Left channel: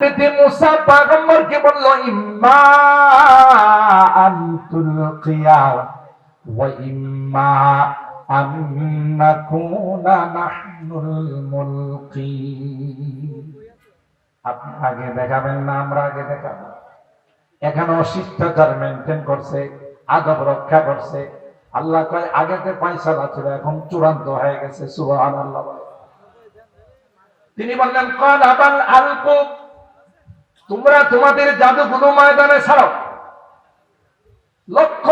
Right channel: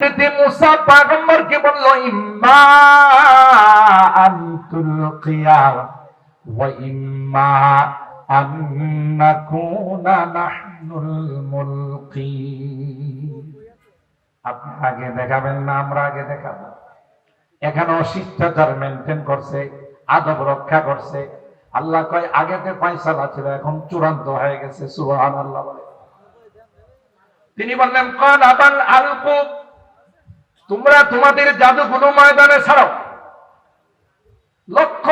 মুসা পয়গম্বরকে বলল ইম্মা আন তুলকিয়া ওয়া ইম্মা আন নাকুনা নাহনুল মুলকি। আপনি আগে দেখাবেন না আমরা আগে দেখাবো? এখানেও শিষ্টাচার মেনটেন করছে, আদব রক্ষা করছে। আল্লাহ কয় আগেতে ফয়সালা ছিল, এখন চূড়ান্ত হয়ে গেছে। সুবহানাল্লাহ। তিনি বললেন কল আবাল আলকু, তোমরা তোমাদের জাদুগুলো ময়দানে ছাড়ো। লক্ষ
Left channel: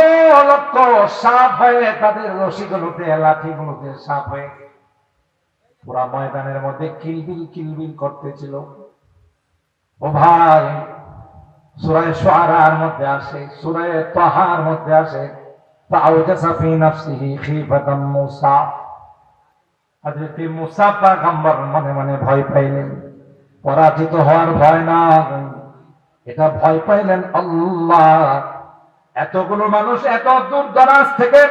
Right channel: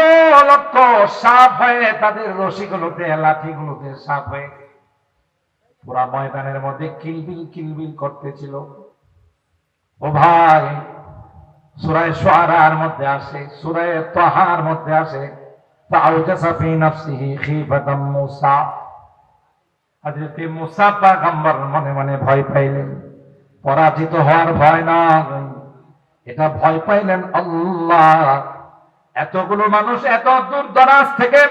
লক্ষ সাপ হয়ে তাদের রশিগুলোতে লাঠিগুলোতে সাপ হয়ে পুরা ময়দানের মধ্যে কিলবিল কিলবিল করতেছিল। ও ভাই, সূরা শুআরার মধ্যে আসে, সূরা তাহার মধ্যে আসে ফাআউজাসা ফি নাফসিহি খিফাতাম মূসা। হযরত মূসা পয়গম্বর মনে মনে ভয় পাইলেন। পরাজিত হওয়ার ভয় না, এটা ভয় পাইলেন আল্লাহ এতগুলো মানুষ এত দূর দরাজ থেকে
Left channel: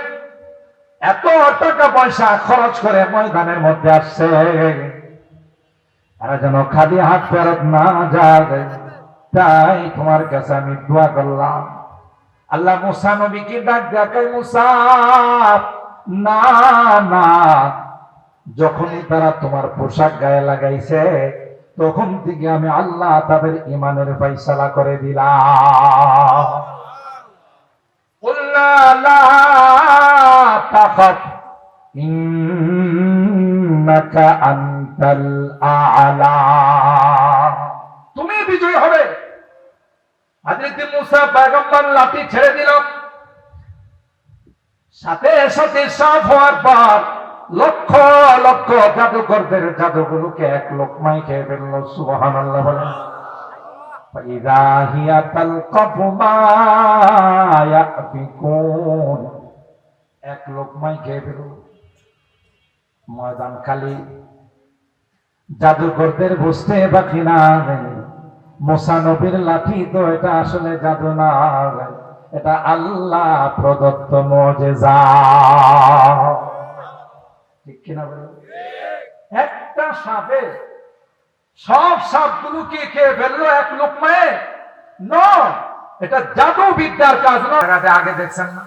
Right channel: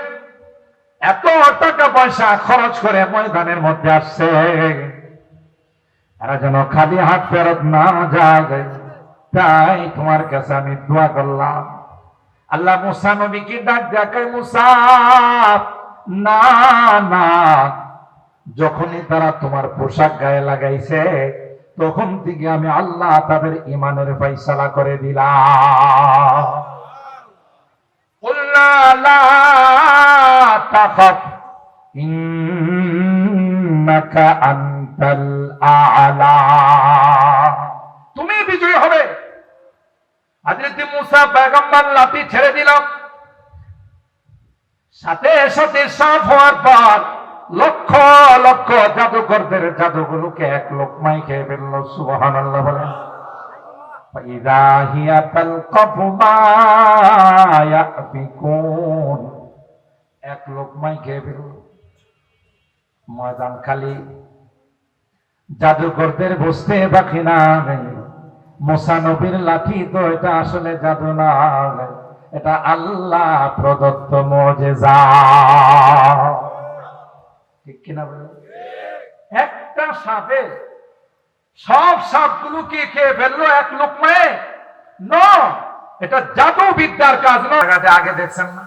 এত টাকা পয়সা খরচ করে ময়দানের মধ্যে আসছে, এরা যেন খালি হাত ফেরত না যায়, তাই তোমার কাছে আমি দোয়া করলাম। আল্লাহ মুসা নবীকে ডাক দেখায়, মুসা না না, যখনই তারা তোমার পোশাক গায়ে লাগাইছে তখন থেকে আমি আল্লাহ তাদের ঈমানের ফয়সালা করে দিলাম। কুলনা লা তাখাফ ইন্নাকা আনতাল আ'লা, তুমি বিজয়ী হবে। হযরত মূসা পয়গম্বর লাঠি ছেড়ে দিল, সাথে সাথে সাফ হওয়ার পর লক্ষ লক্ষ জাদুকরদের জাদুগুলোকে এক লোকমায় খেয়ে ফেলল। সুবহানাল্লাহ বলেন। ফাইযা হিয়া তালকাফু মা ইয়াফিকুন, এক লোকমায় খেয়ে ফেলল। ময়দান খালি, জাদুকরদের বুঝতে বাকি না মুসা নবীর লাঠি তো এটা আসলে জাদু না, এটা আল্লাহ প্রদত্ত মুজিজা। ঠিক কিনা বলেন? একটা সাপে সব সাপগুলোকে খেয়ে ফেললো এক লোকমায়? না, এটা জাদু বিদ্যার কাজ না। আগে দেখছেন না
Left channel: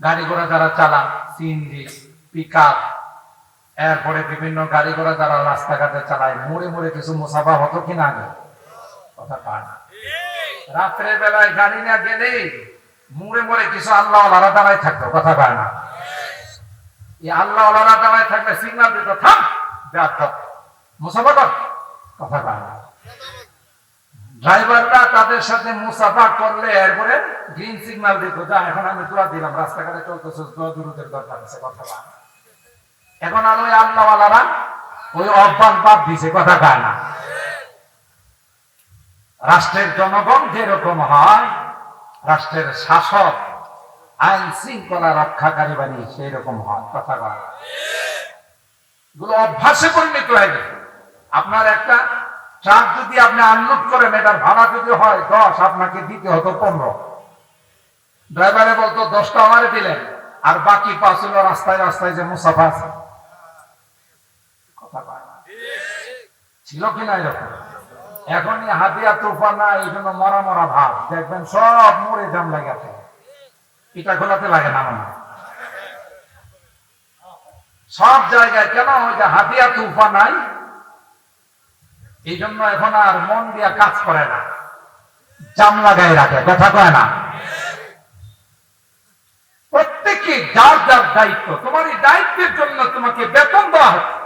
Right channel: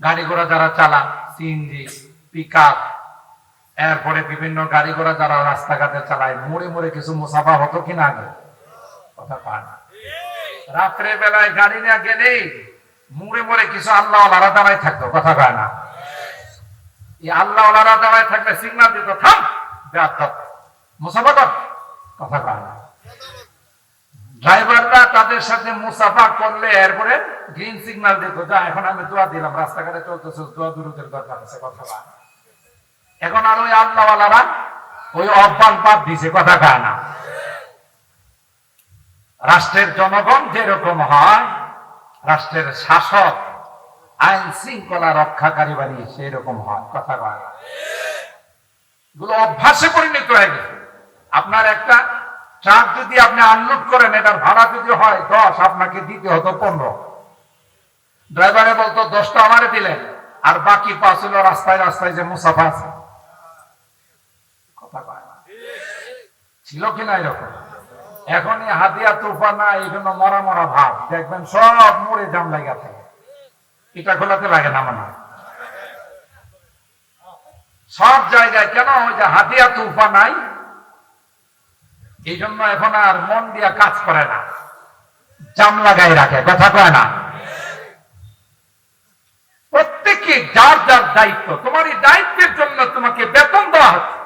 গাড়ি ঘোড়া যারা চালান, সিএনজি, পিকআপ, এরপরে বিভিন্ন গাড়ি ঘোড়া যারা রাস্তাঘাটে চালায়, মোড়ে মোড়ে কিছু মুসাফা হতো কিনা আগে? কথা পায় না। রাত্রে বেলায় গাড়ি না গেলে মোড়ে মোড়ে কিছু আল্লাহ ওয়ালারা দাঁড়ায় থাকতো। কথা পায় না। এই আল্লাহ ওয়ালারা দাঁড়ায় থাকলে সিগন্যাল দিত, থাম মুসাফা কর। কথা পায় না। ড্রাইভাররা তাদের সাথে মুসাফা করলে এরপরে গ্রিন সিগন্যাল দিত, যা এখন আমি দোয়া দিলাম, রাস্তাঘাটে চলতেছে, দোয়া দূরত্বের দরকার আছে। কথা পায় না। এখন আর ওই আল্লাহ ওয়ালারা ওই অভ্যাস বাদ দিছে। কথা পায় না। রাষ্ট্রের জনগণ যেরকম হয়, রাষ্ট্রের শাসক আইন শৃঙ্খলা রক্ষাকারী বাণী সেই রকম হয়। কথা বলা গুলো অভ্যাসে পরিণত হয়ে গেছে। আপনার একটা ট্রাক যদি আপনি আনলোড করেন, এটার ভাড়া যদি হয় 10, আপনাকে দিতে হতো 15। ড্রাইভারে বলতো 10টা আমারে দিলেন, আর বাকি 5 হলো রাস্তায় রাস্তায় যে মুসাফা আছে। কথা বলা ছিল কিনা এরকম? এখনই হাতিয়া তুফান না, এই জন্য মরা মরা ভাব, দেখবেন সব মোড়ে জাম লাগাতে, এটা খোলাতে লাগে না মনে সব জায়গায়। কেন? ওই যে হাতিয়া তুফান নাই, এই জন্য এখন আর মন দিয়া কাজ করে না, জাম লাগাই রাখে। কথা কয় না? প্রত্যেকে যার যার দায়িত্ব। তোমার এই দায়িত্বের জন্য তোমাকে বেতন দেওয়া হচ্ছে,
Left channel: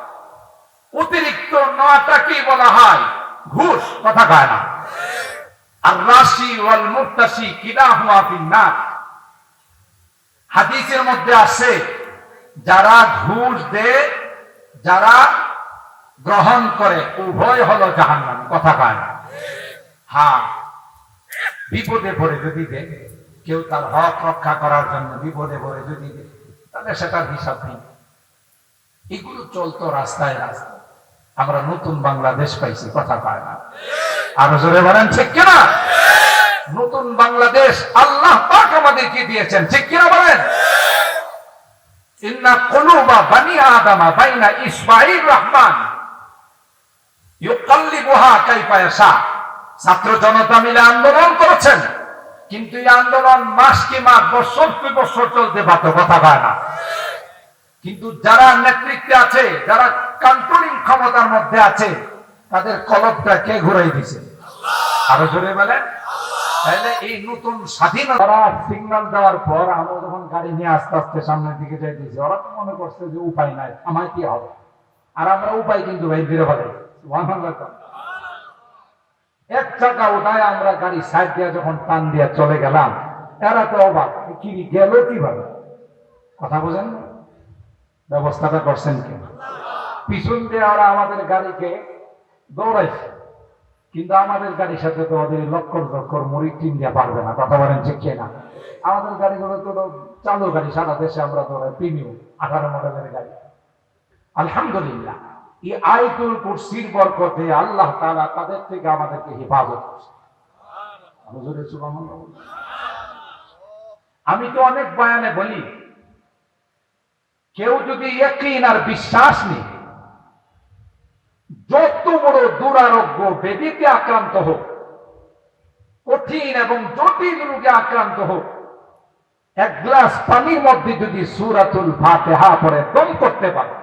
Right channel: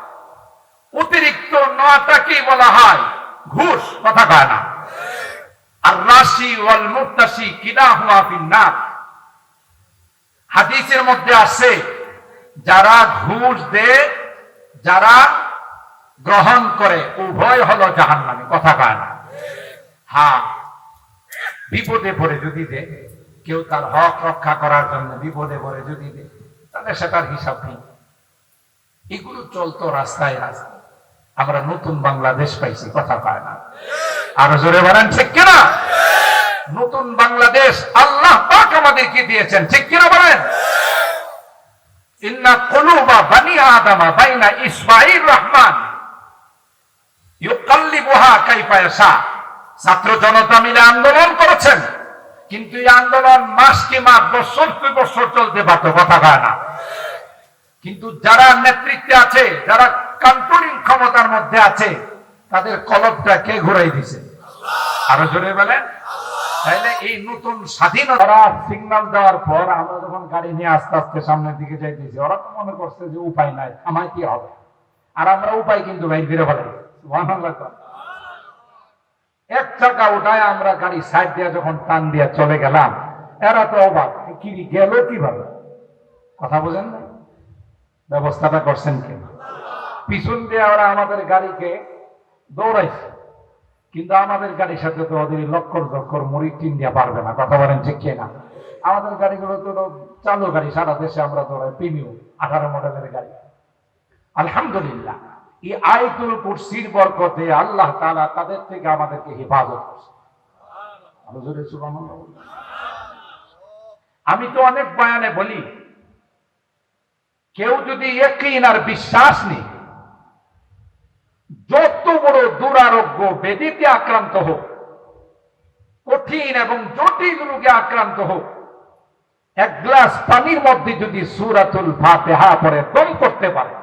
অতিরিক্ত নেওয়াটাকেই বলা হয় ঘুষ। কথা কয় না? আর রাশি ওয়াল মুরতাশি কিলাহুমা ফিন্নার। হাদিসের মধ্যে আছে, যারা ঘুষ দেয়, যারা গ্রহণ করে, উভয় হলো জাহান্নামী। কথা কয় না? হ্যাঁ, বিপদে পড়ে যদি দেয়, কেউ তার হক রক্ষা করার জন্য বিপদে পড়ে যদি দেয়, তাহলে সেটার হিসাব নেই। এগুলো চলতো রাস্তায় রাস্তায়। আমরা নতুন বাংলাদেশ পাইছি। কথা পায় না? আরো জোরে বলেন ঠিক কিনা? নতুন বাংলাদেশ আল্লাহ পাক আমাদেরকে দিয়েছেন। ঠিক কিনা বলেন? ইন্না কুলুবা বানি আদম বাইনা ইসবাইর রহমান ইউকাল্লিবুহা কাইফা ইয়াশা। ছাত্র জনতা মিলে আন্দোলন করেছেন, কিন্তু এই আন্দোলন মাস কি মাস, বছর কি বছর চলতে পারত, কথা হয় না। কিন্তু যারা নেতৃত্বে আছে, যারা কন্ট্রোলিং ক্ষমতার মধ্যে আছে, তাদের কলবটা কে ঘুরাই দিছে? আরো জোরে বলেন। তাহলে এই নতুন স্বাধীনতা সিগন্যাল দেওয়ার পর আমরা যখন গাড়ি নিয়ে আস্তে আস্তে সামনের দিকে যাইতেছি, ওরা তো মনে করছে যে উপায় নাই, আমার কি হবে, আর আমরা উপায় কিন্তু ভাই বেরো ফেলে এক চাকা উঠায় আমরা গাড়ি সাইড দিয়ে যখন টান দিয়ে চলে গেলাম, এরা তো অবাক, কি গেল কিভাবে, কথা বোঝেন না? ব্যবস্থাটা করছেন কে? পিছন দিয়ে ওরা আমাদের গাড়িকে দৌড়াইছে, কিন্তু আমাদের গাড়ির সাথে তো ওদের লক্কর লক্কর মুড়ি টিন দিয়ে পারবে না, কথা বলেন ঠিক না? আমাদের গাড়িগুলো তো চালু গাড়ি, সারা দেশে আমরা তো প্রিমিয়াম 18 মডেলের গাড়ি। আলহামদুলিল্লাহ, এই আয়াতুল কুরসির বরকতে আল্লাহ তাআলা তাদের থেকে আমাদেরকে হেফাজত করছে। আমি তো অনেক বয়ানে বলি, কেউ যদি ইয়াকিন আর বিশ্বাস নেই, যত বড় দুরারোগ্য ব্যাধিতে আক্রান্ত হোক, কঠিন এবং জটিল রোগে আক্রান্ত হোক, এক গ্লাস পানির মধ্যে যদি সূরাতুল ফাতিহা পড়ে দম করতে পারে,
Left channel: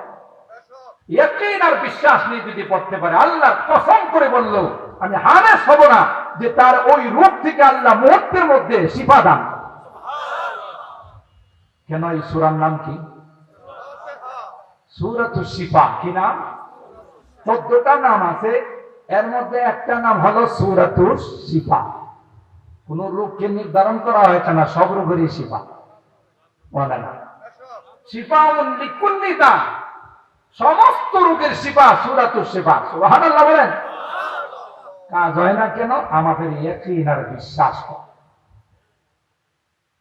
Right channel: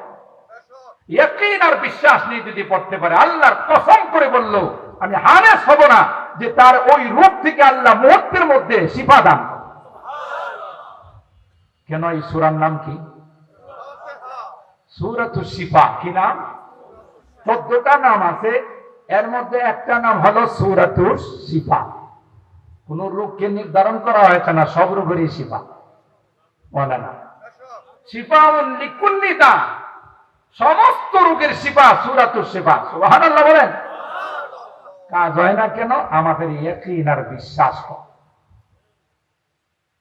ইয়াকিন আর বিশ্বাস নিয়ে যদি পড়তে পারে, আল্লাহ কসম করে বলল, আমি হারেস হব না যে তার ওই রোগ থেকে আল্লাহ মুহূর্তের মধ্যে শিফা দান। কেন? এই সূরার নাম কি? সূরাতুশ শিফা। কি নাম? 14টা নাম আছে, এর মধ্যে একটা নাম হলো সূরাতুশ শিফা। কোন রোগকে নির্ধারণ করা হয়েছে না, সব রোগেরই শিফা বলে না। শিফাউন লিকুল্লি দা, সমস্ত রোগের শিফা সূরাতুশ শিফা। সুবহানাল্লাহ বলেন। কাজ হয় না কেন? আমাদের ইয়াকিন আর বিশ্বাস।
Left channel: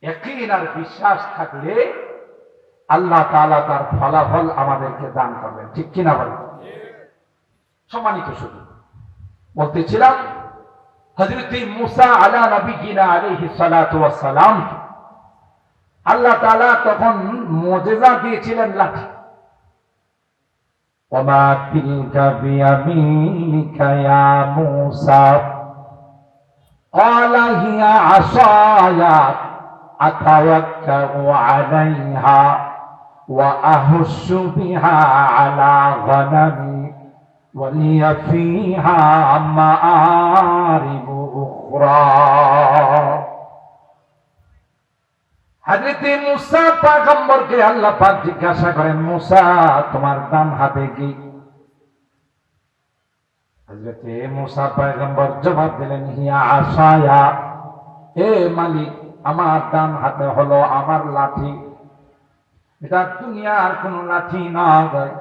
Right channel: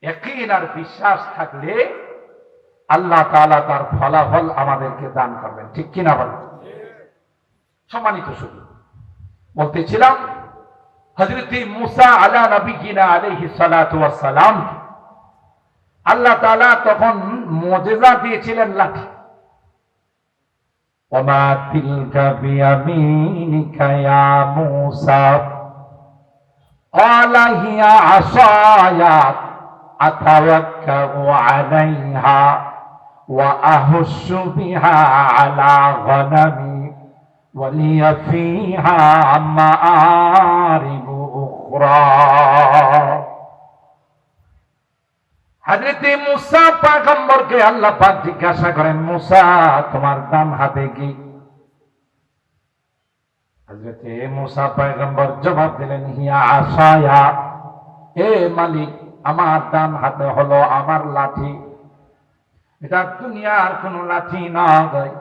ইয়াকিন আর বিশ্বাস থাকলে আল্লাহ তাআলা তার ফলাফল আমাদেরকে দান করবেন, ঠিক কিনা বলেন? সম্মানিত শুধু বলতেছিলাম, হযরত মুসা আলা নবিয়িনা আলাইহিস সালাতু ওয়াস সালাম, আল্লাহ তাআলা তখন মুজিজা দিয়েছিলেন লাঠি। ওমা তিলকা বিয়ামিনিকা ইয়া মুসা ক্বালা হিয়া আসায়া আতাওয়াক্কাউ আলাইহা ওয়া আহুশু বিহা আলা গনামি ওয়ালিয়া ফিহা মাআরিবু উখরা। হযরত মুসা পয়গম্বরকে আল্লাহ পাক জিজ্ঞাসা করেন, মুসা তোমার ডান হাতে কি? হযরত মুসা পয়গম্বর জবাব দিলেন, হিয়া আসায়া, হে মালিক, আমার ডান হাতে হলো আমার লাঠি। এটা দুনিয়ার কোন লাঠি নয়,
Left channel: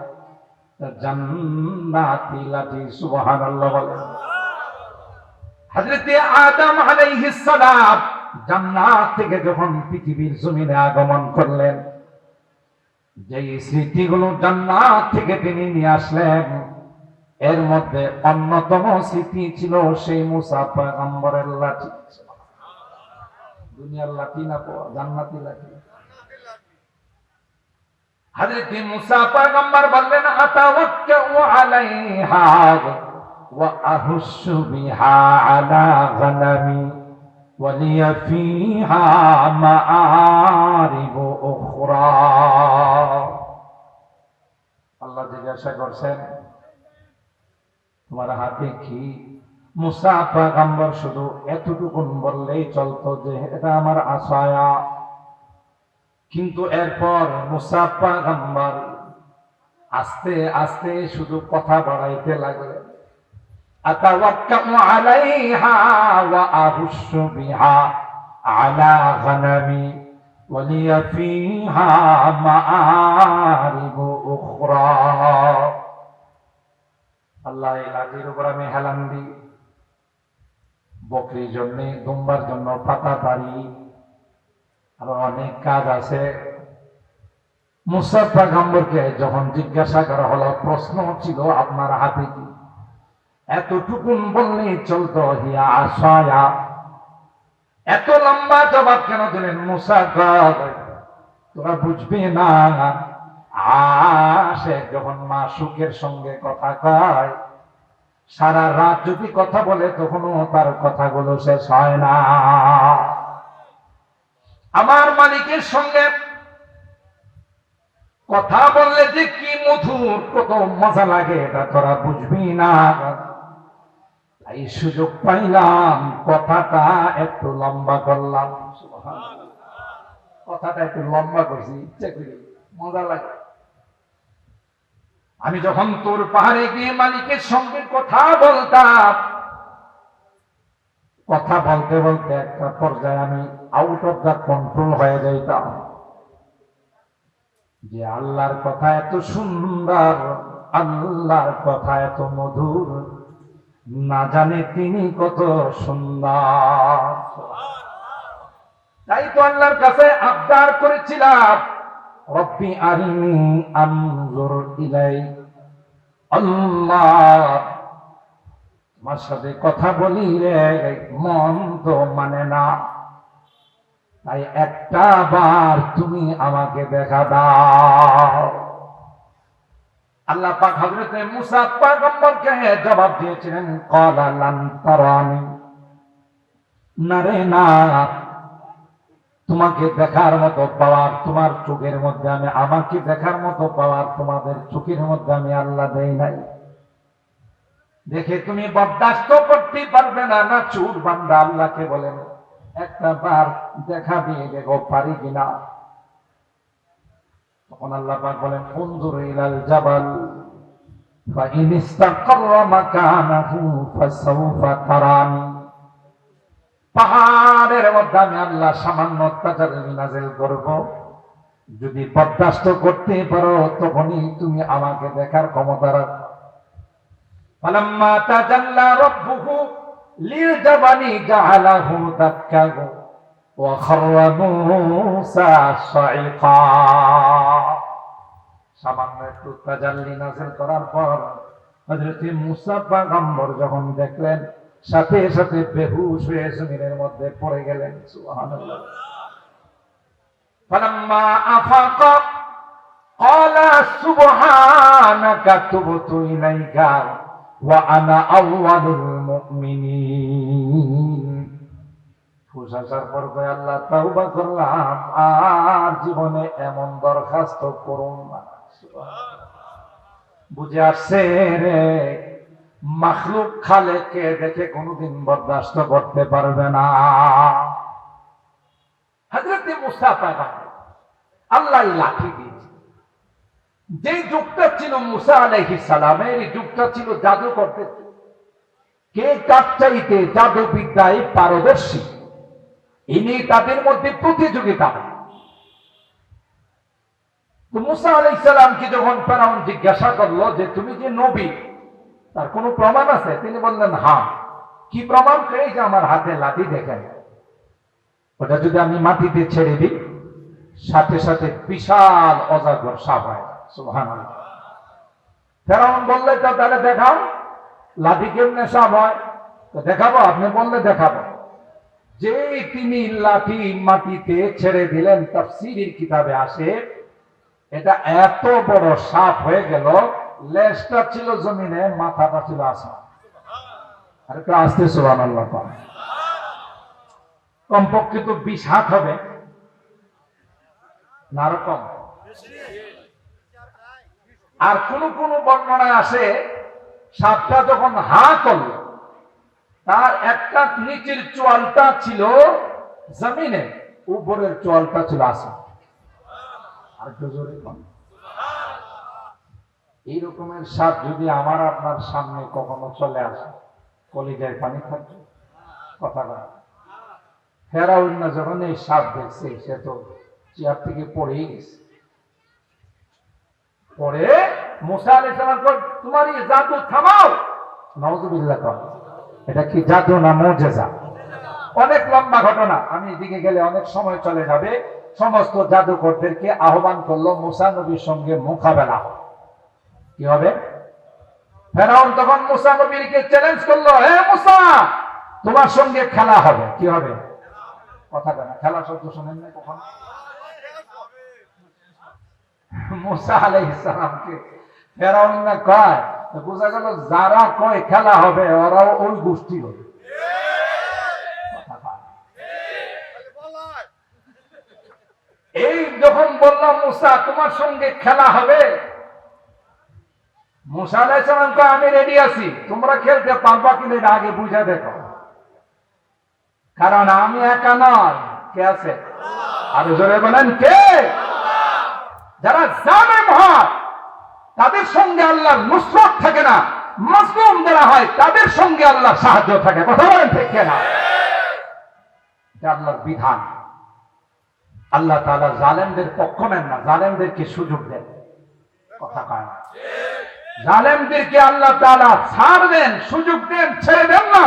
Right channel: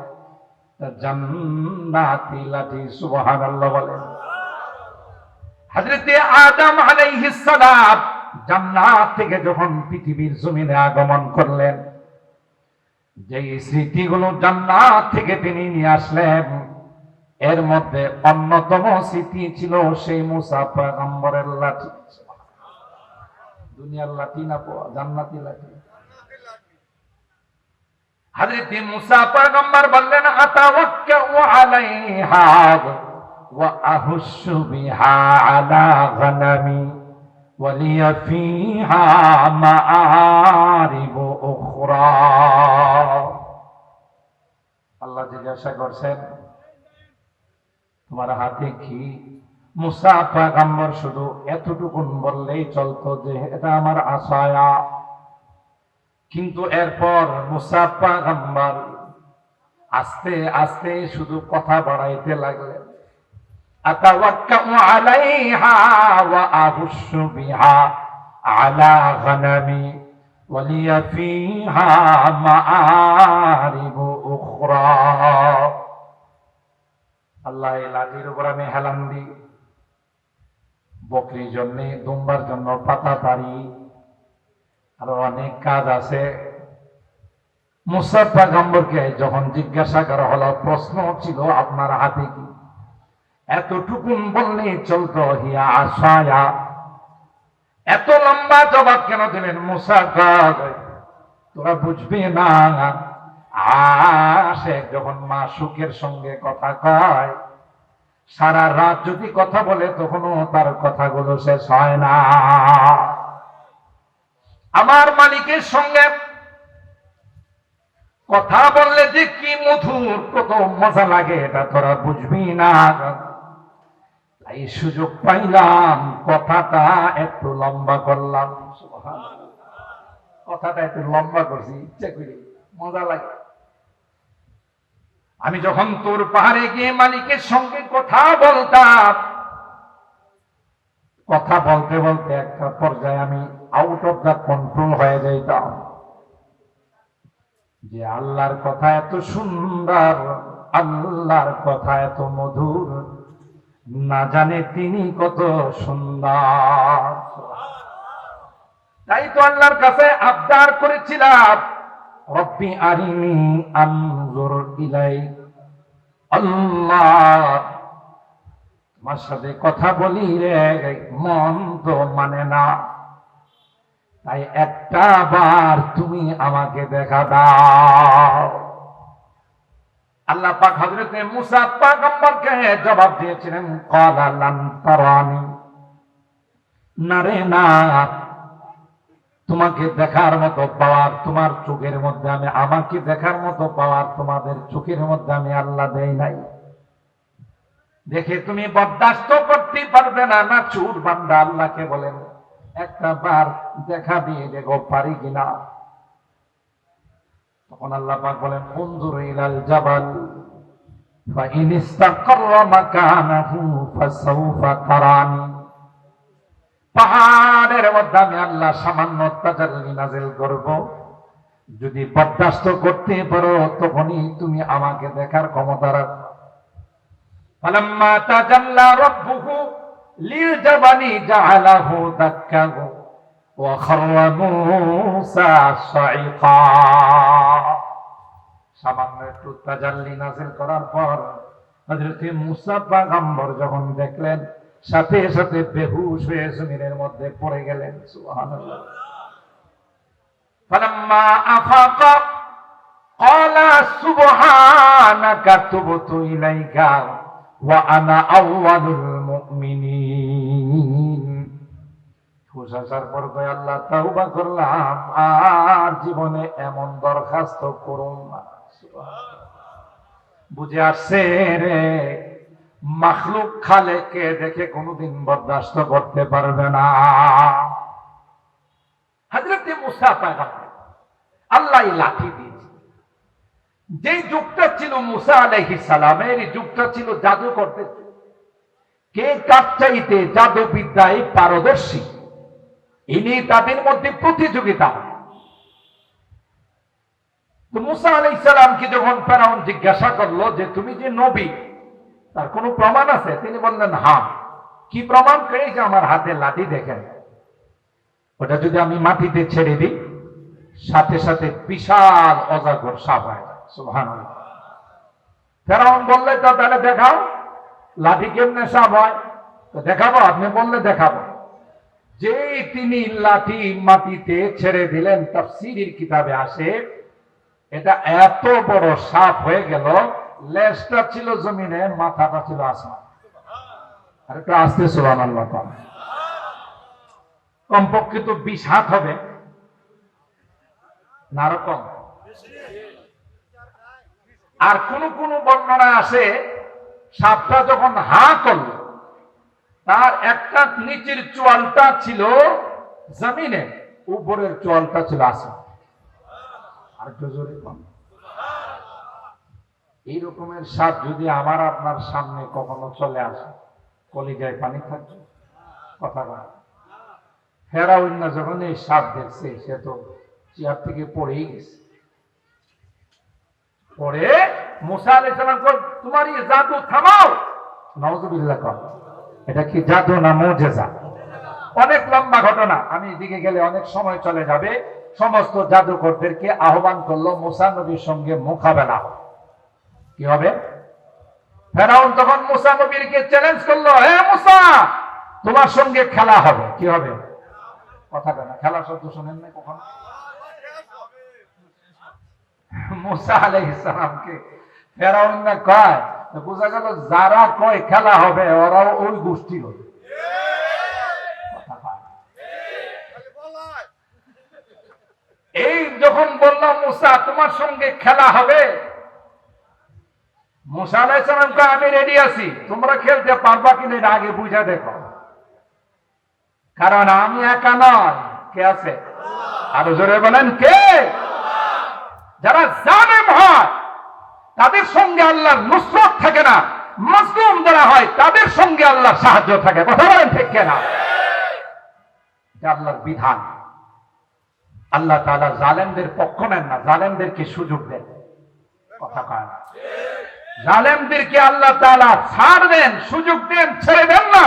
জান্নাতি লাঠি। সুবহানাল্লাহ বলেন। হযরত আদম আলাইহিস সালাম জান্নাত থেকে যখন পৃথিবীর জমিনে আগমন করলেন, যে স্মৃতিগুলো জান্নাত থেকে তিনি নিয়ে আসলেন, এর মধ্যে অন্যতম স্মৃতি ছিল সেই মুসা পয়গম্বরের লাঠি। দুনিয়ার লাঠি না, জান্নাতি লাঠি। হযরত মুসা পয়গম্বর বললেন, আতাওয়াক্কাউ আলাইহা ওয়া আহুশু বিহা আলা গনামি ওয়ালিয়া ফিহা মাআরিবু উখরা। আল্লাহ জিজ্ঞাসা করছেন, তোমার হাতে কি? মুসা পয়গম্বর শুধু এতটুকু বললেই চলতো যে এটা আমার আসায়া। কিন্তু এরপর মুসা পয়গম্বর আস্তে আস্তে শুধু কথা বাড়াইতে লাগলেন, আতাওয়াক্কাউ আলাইহা ওয়া আহুশু বিহা আলা গনামি ওয়ালিয়া ফিহা মাআরিবু উখরা। আল্লাহ এই লাঠির উপর আমি হেলান দিই, বকরির জন্য, দুম্বার জন্য পাতা পারি, আরো অনেক কাজ আছে। মুসা পয়গম্বরকে যখন জিজ্ঞাসা করা হলো, প্রশ্ন ছিল আপনার হাতে কি? এতটুকুন বললে চলতো, হিয়া আসায়া। এত লম্বা জবাব কেন দিলেন? মুসা তোরা বুঝবে না, আসে যখন মা সুখের সঙ্গে কথা কয়, সারা রাত যদি কথা বলে তখনও তার কথাগুলো শেষ হয় না। আমার মালিকের সঙ্গে কথা বললে যে কি মধুর, কত মজা লাগে এটা তোরা বুঝবি না। এই সুযোগ পাইলাম, কথাটা একটু লম্বা করলাম। কথাটা একটু লম্বা করছি ইচ্ছা করি, মজা লাগে। আমি যখন তোর পাহাড়ে গিয়ে মালিকের সঙ্গে কথা বলতাম, কথা বলতে বলতে একটা পর্যায়ে আমি আউট অফ দ্য কন্ট্রোল হয়ে যাইতাম। যে আল্লাহর কথা এত সুন্দর, আল্লাহর কথা এত মধুর, না জানে তিনি কত সুন্দর। তাই তো আল্লাহর কাছে আবদার করেছিলাম, রব্বি আরিনি আনজুর ইলাইক। আল্লাহ, তোমার সাথে কথা বলি রে, মন তো মানে না, তাই একটা বার তুমি আমাকে দেখা দাও। আল্লাহ পাক হযরত মুসা পয়গম্বরকে জবাব দিয়েছিলেন, ক্বালা লান তারানি, না রে না, তোমাকে দেখার মতো পাওয়ার তোমার চোখের মধ্যে আমি, আমাকে দেখার মতো পাওয়ার তোমাদের চোখের মধ্যে আমি আল্লাহ দেই নাই। দেখে তুমি বরদাস্ত করতে পারবে না, না চুর বান্দা আল্লাহকে বলেন একটা বার দেখা দিয়ে দেখো পারি কিনা। তখন আল্লাহ পাক বলেন, উনজুর ইলাল জাবাল ফাইন ইসতাকাররা মাকানাহু ফাসাউফা তারানি। পাহাড়ের মধ্যে আমি আল্লাহ সামান্য অত্যাচার নাযিল করব, যদি বরদাস্ত করতে পারো তখনই তুমি আমাকে দেখার ক্ষমতা রাখো। ফালাম্মা তাজাল্লা রাব্বুহু লিলজাবালি জাআলাহু দাক্কা ওয়া খাররা মূসা সাইকা। সামান্য একটু তাজাল্লি নাযিল করার পর হযরত মুসা পয়গম্বর যখন দেখলেন, সাথে সাথে বেহুশ হয়ে জমিনের মধ্যে পড়ে গেলেন। সুবহানাল্লাহ। ফালাম্মা আফাকা ক্বালা সুবহানাকা তুবতু ইলাইকা ওয়া আনা আউয়ালুল মুমিনিন। ফুসাসার পর কয়, আল্লাহ তাওবা করলাম, আর জীবনে এমন দরখাস্ত করুন না। বুঝে আসছে রে, মাখলুক খালেককে দেখে কোনদিন বরদাস্ত করতে পারবে না। হযরত মুসা পয়গম্বর আল্লাহ লাঠি দিয়েছে। যে যুগটা ছিল মুসা আলাইহিস সালামের, এই যুগটা ছিল জাদু করতে, কে কার চাইতে জাদু বিদ্যায় পারদর্শী, ইনি তাদের মধ্যে প্রতিযোগিতা। তো মুসা আলাইহিস সালামকে যখন ফেরাউন জিজ্ঞাসা করলো যে তুমি যে নবী, তার কোনো প্রমাণ আছে? তিনি বললেন হ্যাঁ। কি প্রমাণ? এই যে আমার হাতে লাঠি দেখেন, ওটা যদি আমি মাটিতে ছেড়ে দিই সাথে সাথে বিশাল অজগর সাপ হয়। সুবহানাল্লাহ। ফেরাউন বললে তো তাহলে দেখাও লাঠি কেমনে সাপ হয়। তো দেখাবো? আপনি বললে দেখাবো। যে তিনি লাঠি মাটিতে ছেড়ে দিলেন, তাফসীরের কিতাবে আসে এটা এত বড় সাপ হয়ে গেল, লেজটা ছিল জমিনে, মাথাটা ছিল আসমান। আর একটু আসতে সুবহানাল্লাহ। কমপক্ষে তো 20 হাত হবে না, রকম। আর কোন কোন বর্ণনায় আসে সাপটা যখন হা করল, তার একটা নিচের চোয়ালটা ছিল জমিনে, উপরের চোয়ালটা ছিল আসমান। আর একটু জোরে বল। এই রকমের সাপ যদি আমার আপনার সামনে কখনো চলে আসে, কলিজায় পানি থাকবে? কথা বলা। ফেরাউন না যখন এই সাপ দেখছে, সে তো চেয়ার থেকে পড়েই গেছে। পরে মুসা আলাইহিস সালাম কল, তোমার এই জাদু থামাও। নাউযুবিল্লাহ কর। এটা কি জাদু না মুজিজা? অনেক লম্বা ঘটনা, আমি এদিকে গেলে অনেক সময় চলে যাবে। সমস্ত জাদুকরদেরকে আহ্বান করলো মুসা নবীর সঙ্গে মোকাবেলা। কি হবে? ফেরাউন তখন মুসা নবীকে চ্যালেঞ্জ করলো, হে মুসা, তোমার সঙ্গে খেলা হবে। কি হবে? কথা বলে না, খেলা শব্দ শোনেন না কখন? মুসা আলাইহিস সালামকে ফেরাউন না কয়, বোঝা গেল যারা কয় খেলা হবে ওরাও ওই গোষ্ঠী হবে। এই যখন বললাম মুসা তোমার সঙ্গে খেলা হবে, মুসা আলাইহিস সালাম কয় আমি রেডি আছি, তোমরা খেলতে পারবা কিনা এটা আগে বুঝা দেখো, কারণ আমি একা নয়, কে আছে? আরো জোরে বলেন কে? যারা জালেম হয় তাদের সঙ্গে আল্লাহর নুসরত থাকে না, মাজলুম যারা হয় তাদের সঙ্গে আল্লাহর সাহায্য থাকে। কথা বলেন ঠিক কিনা? এটা আল্লাহর বিধান। আল্লাহ তাআলা জালেমদের পক্ষ নেন না, জালেমদেরকে সুযোগ দেন। কথা কয় না? জালেমদেরকে আল্লাহ তাআলা ছাড় দেন, সুযোগ দেন, ছেড়ে দেন না।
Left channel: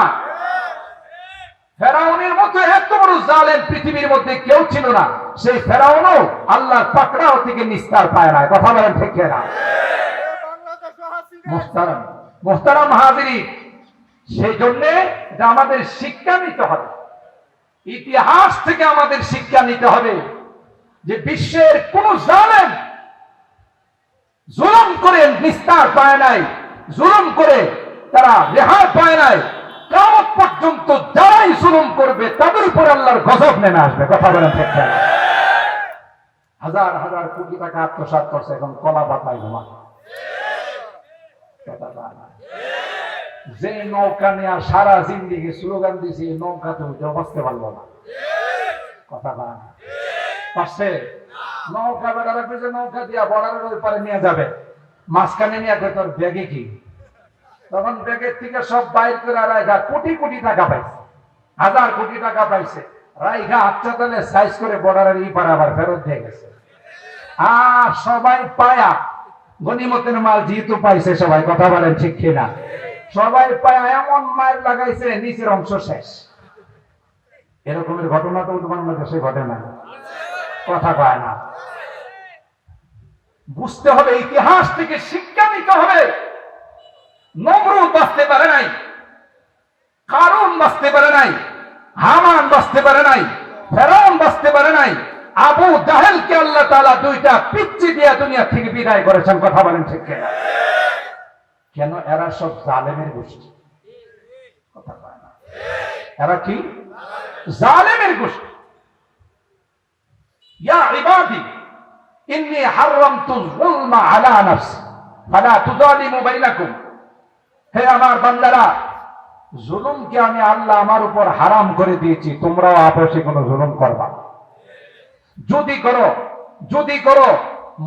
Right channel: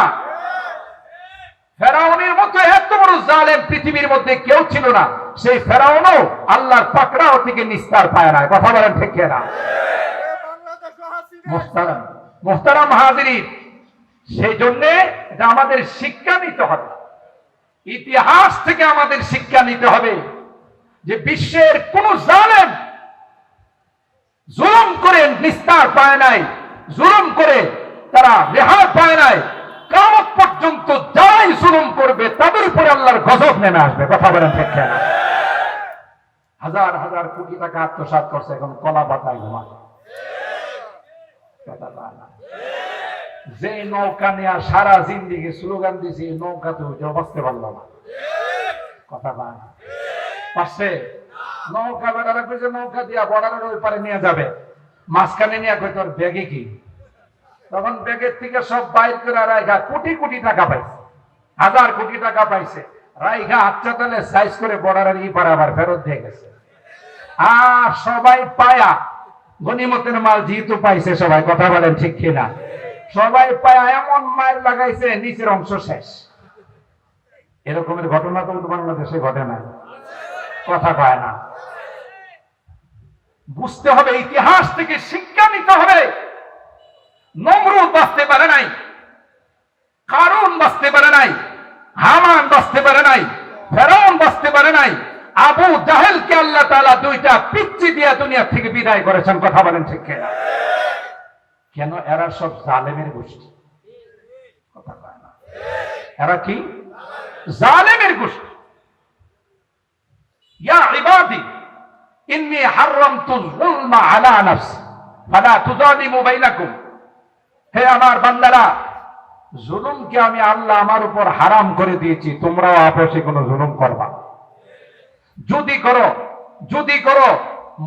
ফেরাউনের মতো এত বড় জালেম পৃথিবীর মধ্যে কেউ ছিল না, সেই ফেরাউনও আল্লাহর পাকড়াও থেকে নিস্তার পায় না। কথা বলেন ঠিক কিনা? মুহতারাম হাজিরিন, সেই জন্য এটা আমাদের শিক্ষা নিতে হবে, ইতিহাস থেকে আমাদের শিক্ষা নিতে হবে যে বিশ্বের কোন জালেম জুলুম করে নিস্তার পায় নাই, জুলুম করে তারা রেহাই পায় নাই। কিয়ামত পর্যন্ত যারাই জুলুম করবে তাদের উপর আল্লাহর গজব নেমে আসবে। কথা বলেন ঠিক কিনা? হাজার হাজার কোটি টাকা আত্মসাৎ করছে, এখন কলা পাতায় ঘুমা। যে নৌকা নিয়ে সারা জিন্দিগি স্লোগান দিয়েছে, নৌকা তো কেউ বাঁচতে পারলো না। কথা বলেন পারছে? নৌকা বেড়ারে পেয়েছে, নৌকা দিয়া বর্ডারের ওই পারে নিয়ে যাবে, মাঝখানে নিয়ে কই তোর ব্যাগে কি? তখন ব্যাগের থেকে সব বাইর করে রাইগা কোটি কোটি টাকা পাইছে, হাজার কোটি টাকা পাইছে, রাইগা আচ্ছা তাহলে সাইজ করে বর্ডারের ই পারে আবার ফেরত দিয়ে গেছে। আর সবাই পায়া গনিমতের মাল যেহেতু পাইছে সবাই, কথা বলেন ঠিক কিনা? সবাই পায়া এমন মাইল লাগাইছে নিচের অংশ শেষ। এরকমের ঘটনা তো বাংলাদেশে ঘটে না। কথা কয় না? বুঝতে হবে, ইতিহাস থেকে শিক্ষা নিতে হবে। নমরুদ বাঁচতে পারে নাই, কারুন বাঁচতে পারে নাই, হামান বাঁচতে পারে নাই, ফেরাউন বাঁচতে পারে নাই, আবু জাহেলকে আল্লাহ তাআলা দুইটা পিচ্চি দিয়া দুনিয়া থেকে বিদায় করেছেন। কথা বলেন ঠিক কিনা? কেন? এরা সব জালেমের গোষ্ঠী। কথা কয় না? এরা কি? জালেমের গোষ্ঠী। ইয়া ইবাদি ইন্নী হারামতুল যুলমা আলা নাফসি ফালা তুযালিমু বাইনাকুম। হে আমার বান্দারা, জুলুমকে আমি আল্লাহ আমার উপর হারাম করে দিয়েছি, তোমরাও আপসে কোনো জুলুম করবা না। যদি করো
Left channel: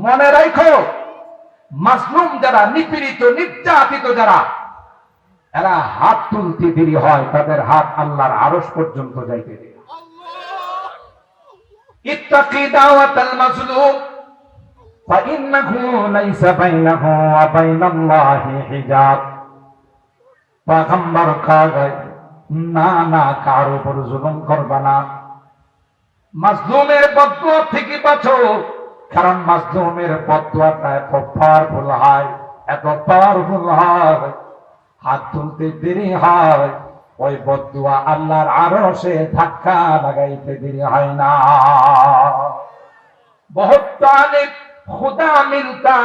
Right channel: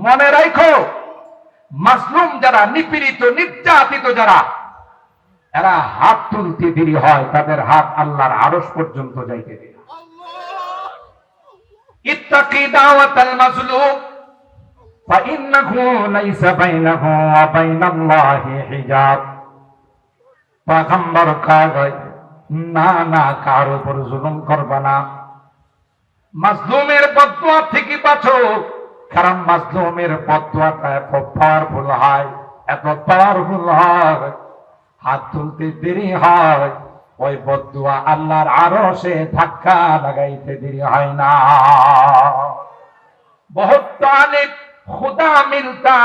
মনে রাখো, মাজলুম যারা, নিপীড়িত নির্যাতিত যারা, এরা হাত তুলতে দেরি হয়, তাদের হাত আল্লাহর আরশ পর্যন্ত যাইতে দেরি। ইত্তাকি দাওয়াতাল মাজলুম ফাইন্নাহু লাইসা বাইনাহু ওয়া বাইনাল্লাহি হিজাব। পয়গম্বর কয় না, কার উপর জুলুম করবা না, মাজলুমের বদদুয়া থেকে বাঁচো, কারণ মাজলুমের বদদুয়াটা এত পাওয়ারফুল হয়, এত পাওয়ারফুল হয়, হাত তুলতে দেরি হয়, ওই বদদুয়া আল্লাহর আরশে ধাক্কা লাগাইতে দেরি হয় না। বহুত তালিব খুদা মিলতা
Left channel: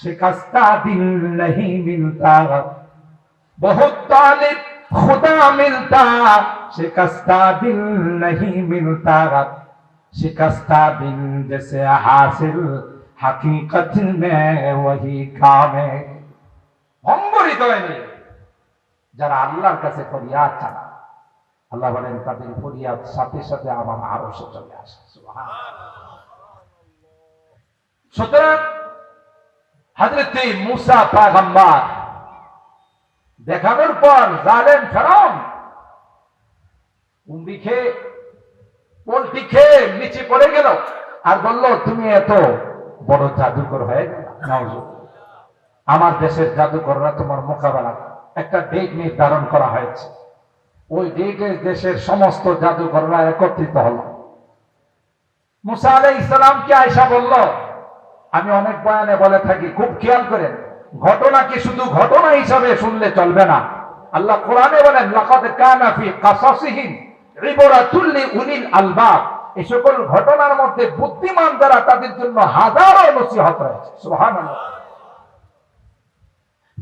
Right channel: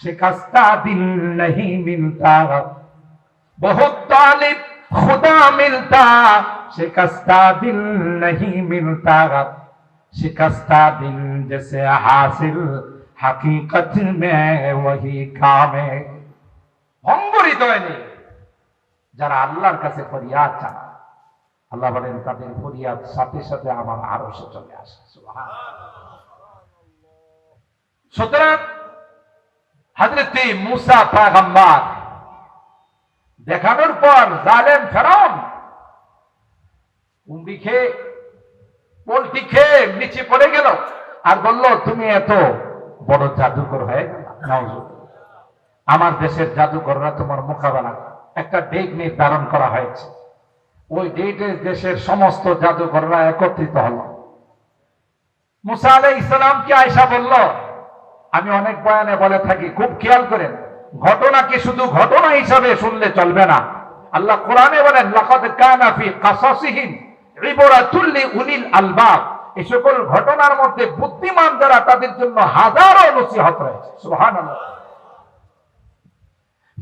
শিকস্তা দিল नहीं मिलता, बहुत तालिब खुदा मिलता शिकस्ता दिल नहीं मिलता, शिकस्ता दिल जैसे हासिल हकीकत में वही काम है। যারা আল্লাহর কাছে ফরিয়াদ জানায়, আল্লাহ বলেন তাদের ফরিয়াদ সাথে সাথে আমার আরশে চলে আসে। সুতরাং হযরত মুসা পয়গম্বর দেখানোর পর জালেম ফেরাউন কুম্বি খেয়ে পোল্ট্রি খেয়ে নিচে পড়ে গেল আর বলল, তুমি এত বড় জাদুকর হয়ে আমার দেশের জাদুকররা তোমার মোকাবেলা। একটা ডেট নির্ধারণ করা হয়েছে, ওই ডেটে দেশের সমস্ত জাদুকররা একত্রিত হল। মুসা আলাইহিস সালামকে আয়েশা বলল, আমি অনেক বয়ানে বলে থাকি, খুব খেয়াল করেন, ঘটনাকে শুধু ঘটনা হিসাবে শুনলে চলবে না। আল্লাহ কোরআনে বলেন, লাকাদ কানা ফি কাসাসিহিম ইবরাতুল লিউলিল আলবাব। এই সকল ঘটনার মধ্যে বুদ্ধিমান যারা তাদের জন্য হাজারো নসিহত রয়েছে। সুবহানাল্লাহ।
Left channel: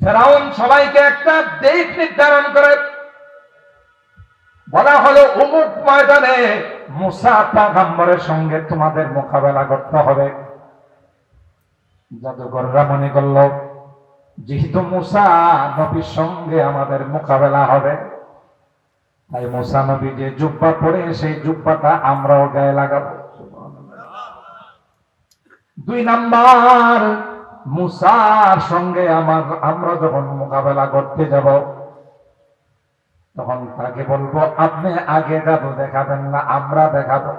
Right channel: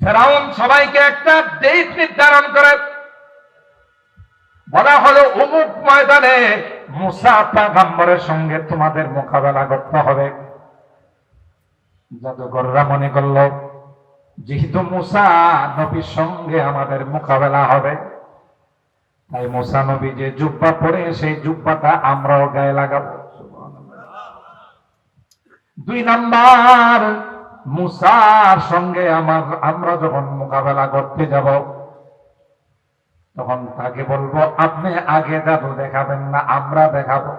ফেরাউন সবাইকে একটা ডেট নির্ধারণ করে বলা হলো অমুক ময়দানে মুসা পয়গম্বরের সঙ্গে তোমাদের মোকাবেলা করতে হবে। জাদুকররা মনে করল যেহেতু মুসা নবীর সঙ্গে আমাদের মোকাবেলা হবে, তাই মুসা নবী যে জুব্বা পরে সেই জুব্বাটা আমরাও গায়ে লাগাবো। 2 নাম্বার, মুসার সঙ্গে আমরা যখন মোকাবেলা করতে যাব তখন তাকে বলবো আপনি আগে জাদু দেখাবেন না, আমরা দেখাবো।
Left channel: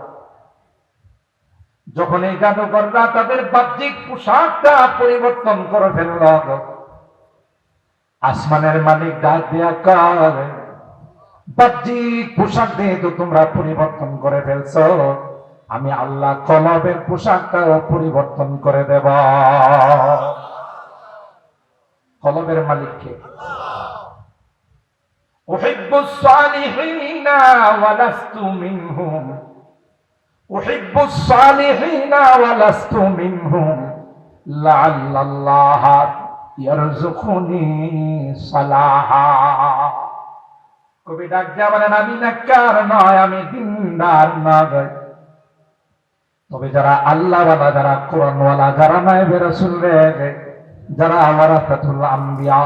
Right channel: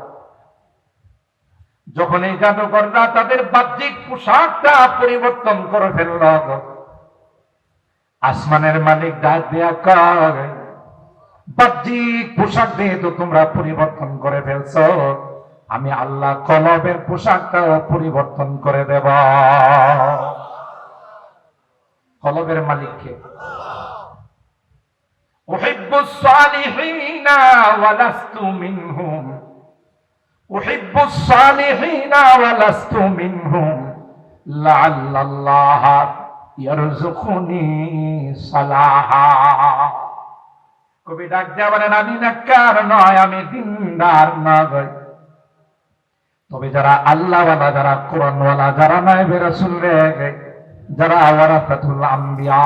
যখন এই জাদুকররা তাদের বাহ্যিক পোশাকটা পরিবর্তন করে ফেলল, আসমানের মালিক ডাক দিয়া কয়, বাহ্যিক পোশাক দিয়ে তো তোমরা পরিবর্তন করে ফেলছো, আমি আল্লাহ কলবের পোশাকটাও পরিবর্তন করে দেব। কলবের মালিককে উহিব্বুস সালিহিনা ওয়া লাস্তু মিনহুম, উহিব্বুস সালিহিনা ওয়া লাস্তু মিনহুম লাআল্লাল্লাহ ইয়ারযুকুনি সালাহা। কবি ডাক দিয়া বলেন, আমি নেককার নয়, আমি দিনদার নয়, তবে যারা আল্লাহওয়ালা, যারা কোরআনওয়ালা, যারা নায়েবে রাসূল, যারা ওয়ারাসাতুল আম্বিয়া,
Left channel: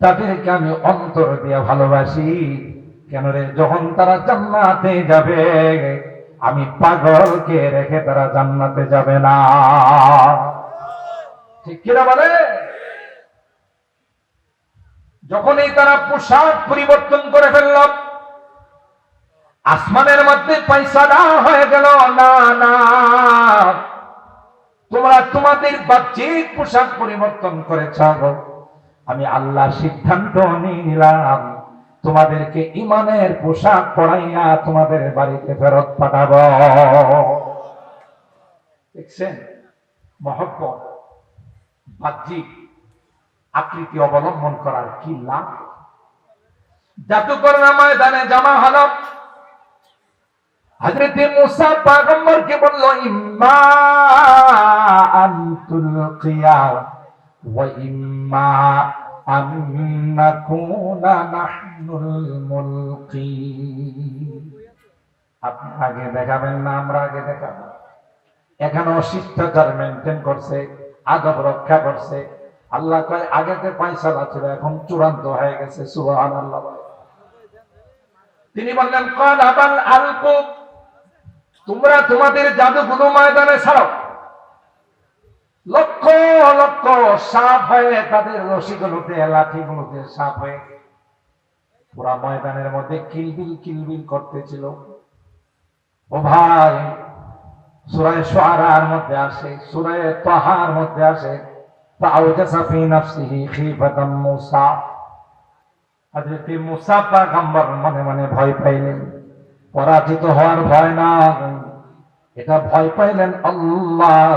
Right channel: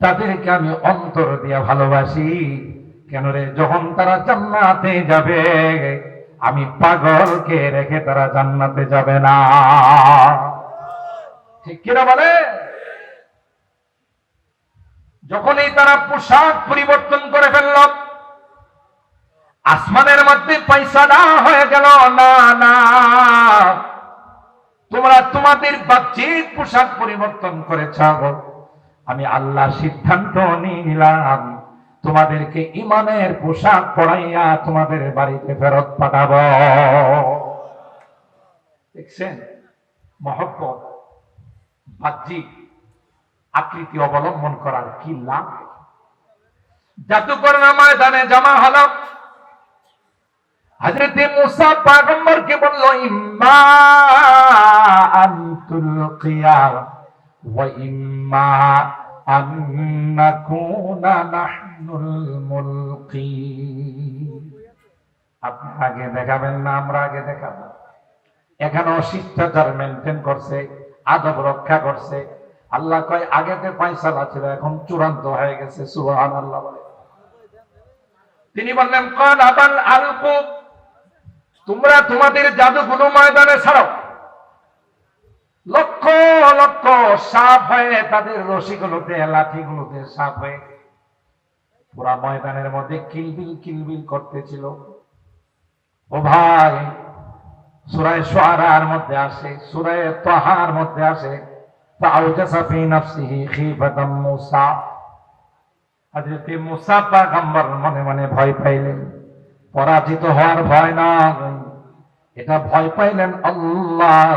তাদেরকে আমি অন্তর দিয়ে ভালোবাসি। কেন রে, যখন তারা জান্নাতে যাবে আমি পাগলকে রেখে তারা জান্নাতে যাবে না। ঠিক কিনা বলে? যখনই তারা পোশাক পরিবর্তন করে ফেলল, আসমানের মধ্যে পয়সা না হয়ে গেল, না না, তোমরা তোমাদের বাহ্যিক পোশাক পরিবর্তন করেছ, আমি আল্লাহ সিদ্ধান্ত নিয়ে নিলাম তোমাদেরকে ঈমানের পোশাক পরাইয়া তোমাদের বাড়িতে ফেরত পাঠাবো। দেখছেন মহব্বত, বাহ্যিক আকৃতি অবলম্বন করার কি লাভ। জাদুকররা ময়দানে জমা হলো, হযরত মুসা পয়গম্বরকে বলল, ইম্মা আন তুলকিয়া ওয়া ইম্মা আন নাকুনা নাহনুল মুলকি। আপনি আগে দেখাবেন না আমরা আগে দেখাবো? এখানেও শিষ্টাচার মেনটেন করছে, আদব রক্ষা করছে। আল্লাহ কয় আগেতে ফয়সালা ছিল, এখন চূড়ান্ত হয়ে গেছে। সুবহানাল্লাহ। তিনি বললেন, কল আবাল আলকু, তোমরা তোমাদের জাদুগুলো ময়দানে ছাড়ো। লক্ষ লক্ষ সাপ হয়ে তাদের রশিগুলোতে, লাঠিগুলোতে সাপ হয়ে পুরা ময়দানের মধ্যে কিলবিল কিলবিল করতেছিল। ও ভাই, সূরা শুআরার মধ্যে আসে, সূরা তাহার মধ্যে আসে, ফাআউজাসা ফি নাফসিহি খিফাতাম মূসা। হযরত মূসা পয়গম্বর মনে মনে ভয় পাইলেন। পরাজিত হওয়ার ভয় না, এটা ভয় পাইলেন আল্লাহ,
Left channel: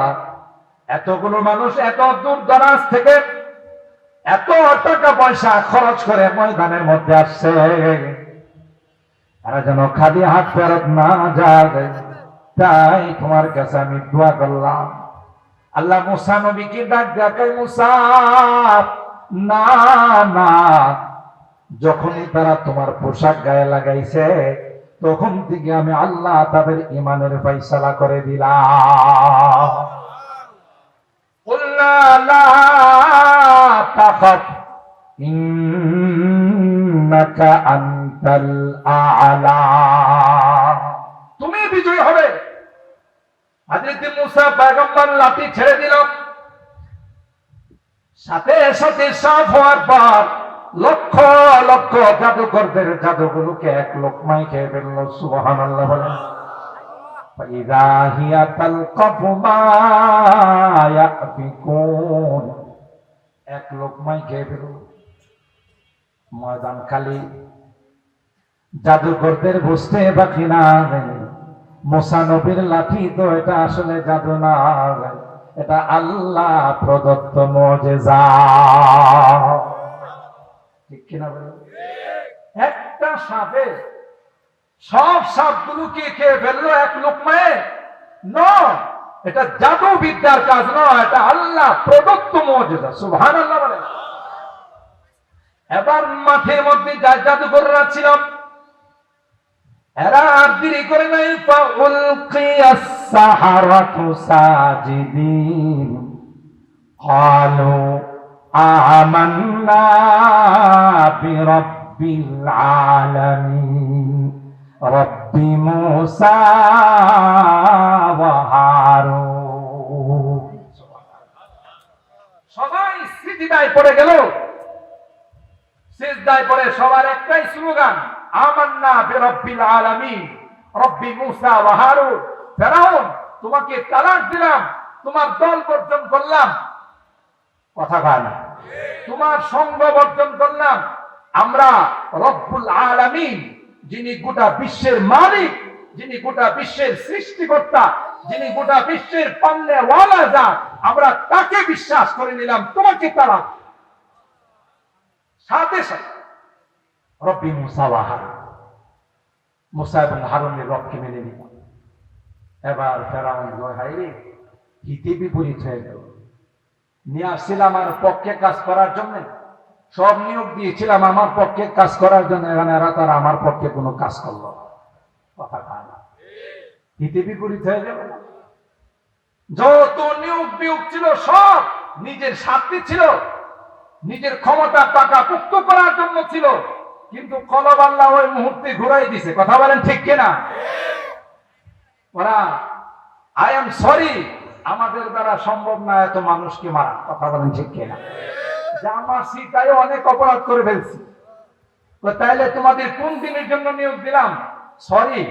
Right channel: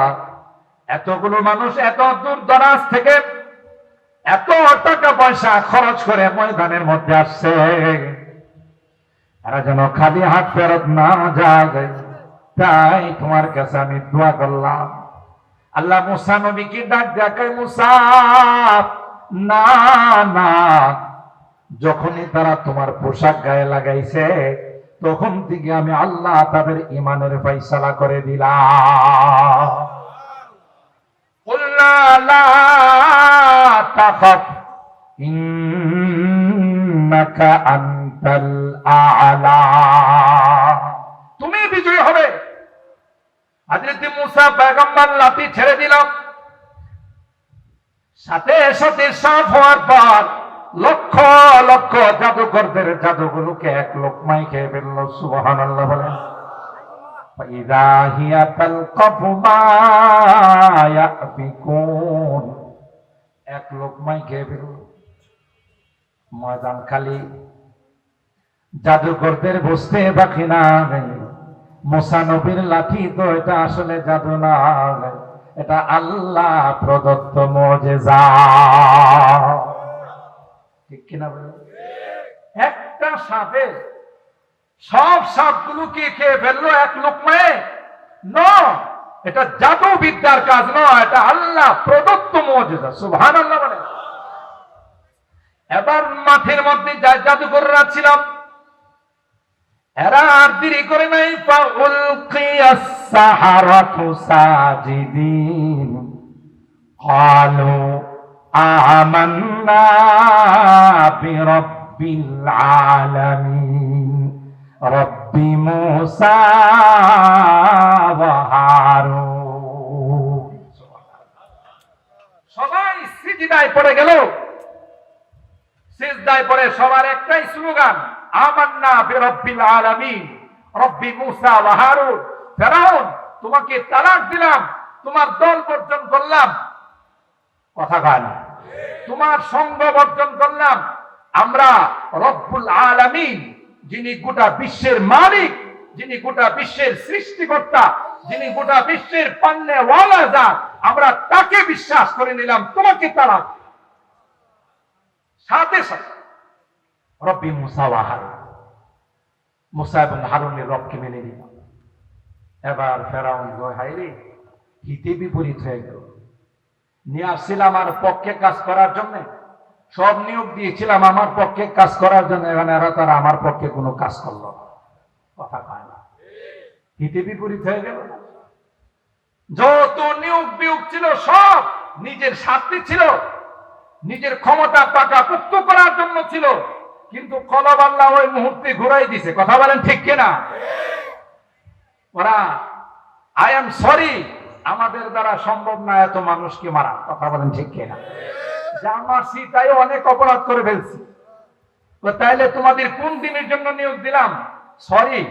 এতগুলো মানুষ এত দূর দরাজ থেকে এত টাকা পয়সা খরচ করে ময়দানের মধ্যে আসছে, এরা যেন খালি হাত ফেরত না যায়, তাই তোমার কাছে আমি দোয়া করলাম। আল্লাহ মুসা নবীকে ডাক দেখায়, মুসা না না, যখনই তারা তোমার পোশাক গায়ে লাগাইছে তখন থেকে আমি আল্লাহ তাদের ঈমানের ফয়সালা করে দিলাম। কুলনা লা তাখাফ ইন্নাকা আনতাল আ'লা, তুমি বিজয়ী হবে। হযরত মুসা পয়গম্বর লাঠি ছেড়ে দিল, সাথে সাথে সাফ হওয়ার পর লক্ষ লক্ষ জাদুকরদের জাদুগুলোকে এক লোকমায় খেয়ে ফেলল। সুবহানাল্লাহ বলেন। ফাইযা হিয়া তালকাফু মা ইয়াফিকুন, এক লোকমায় খেয়ে ফেলল। ময়দান খালি, জাদুকরদের বুঝতে বাকি না, মুসা নবীর লাঠি তো এটা আসলে জাদু না, এটা আল্লাহ প্রদত্ত মুজিজা। ঠিক কিনা বলেন? একটা সাপে সব সাপগুলোকে খেয়ে ফেললো এক লোকমায়? নয়, এটা জাদু বিদ্যার কাজ নয়, এটা আল্লাহ প্রদত্ত মুজিজা। সুবহানাল্লাহ বলেন। এবার মাঠের মধ্যে জাদুকররা ছিল, এরা আর দেরি করে নাই, ফাউলকিয়াস সাহারাতু সাজিদিন ক্বালু আমান্না বিরাব্বিল আলামিন রব্বি মূসা ওয়া হারুন। সবাই সিজদায় পড়ে গেল। সিজদায় পড়ে সবার একটাই স্লোগান, আমান্না বিরাব্বিল আলামিন রব্বি মূসা ওয়া হারুন। ফেরাউন, তোমাকে তালাক দিলাম, তোমার দল বর্জন করলাম, কথা কয় না, তোমার সঙ্গ বর্জন করলাম। আমরা রব্বুল আলামিন, যিনি গোটা বিশ্বের মালিক, যিনি গোটা বিশ্বের সৃষ্টিকর্তা, যিনি গোটা বিশ্বের পান্নেওয়ালা জাত, আমরা তাকে বিশ্বাস করে নিলাম, তোমাকে তালাক। সাথে সাথে রব্বি মূসা ওয়া হারুন, মূসা এবং হারুনের রবকে মেনে নিল। এবার ফেরাউন হাইরে হিতে বিপরীত হয়ে গেল। নিয়ে আসছিলাম আমার পক্ষে কাজ করার জন্য, সব নিয়োগ দিয়েছিলাম আমার পক্ষে কাজ করার জন্য, এখানে এরা তারা আমার পক্ষে কোনো কাজ করলো, কথা পায় না, হিতে বিপরীত হয়ে গেল। যত নিয়োগ বিয়োগ ছিল সব নিজের স্বার্থে ছিল, নিজের ক্ষমতা পাকাপোক্ত করার জন্য ছিল, কিন্তু কলব আল্লাহ ওই মুহূর্তে ঘুরাই দিছে, কথা বলেন ঠিক কিনা? ওরা আই এম সরি, আমাদের দ্বারা সম্ভব না এত মানুষকে মারা, কথা বলেন ঠিক কিনা? যা মারছি তাই অনেক অপরাধ করে ফেলছি, তাইলে তোমাদের কোন দিনের জন্য নিয়োগ দিলাম? সরি,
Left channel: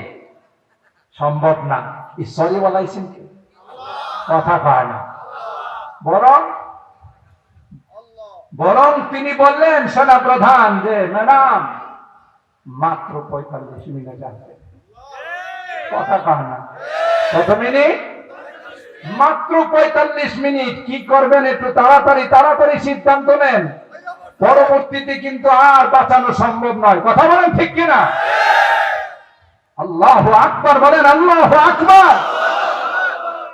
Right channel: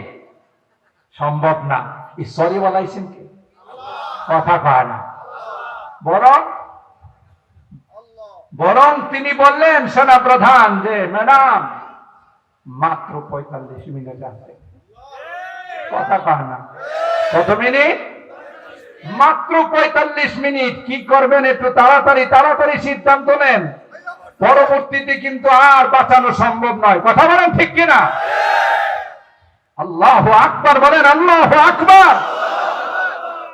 সম্ভব না। এই সরি বলাইছেন কি? কথা পায় না। বরং তিনি বললেন সেনা প্রধান যে ম্যাডাম মাত্র 45 মিনিট আছে, কথা পায় না। কত মিনিট? মাত্র 45 মিনিট। কি করবেন একটু তাড়াতাড়ি তাড়াতাড়ি সিদ্ধান্ত নেন, পরবর্তীতে কিন্তু আর বাঁচানো সম্ভব নয়, কথা বলেন ঠিক কিনা? আল্লাহু আকবার বলেন, আল্লাহু আকবার।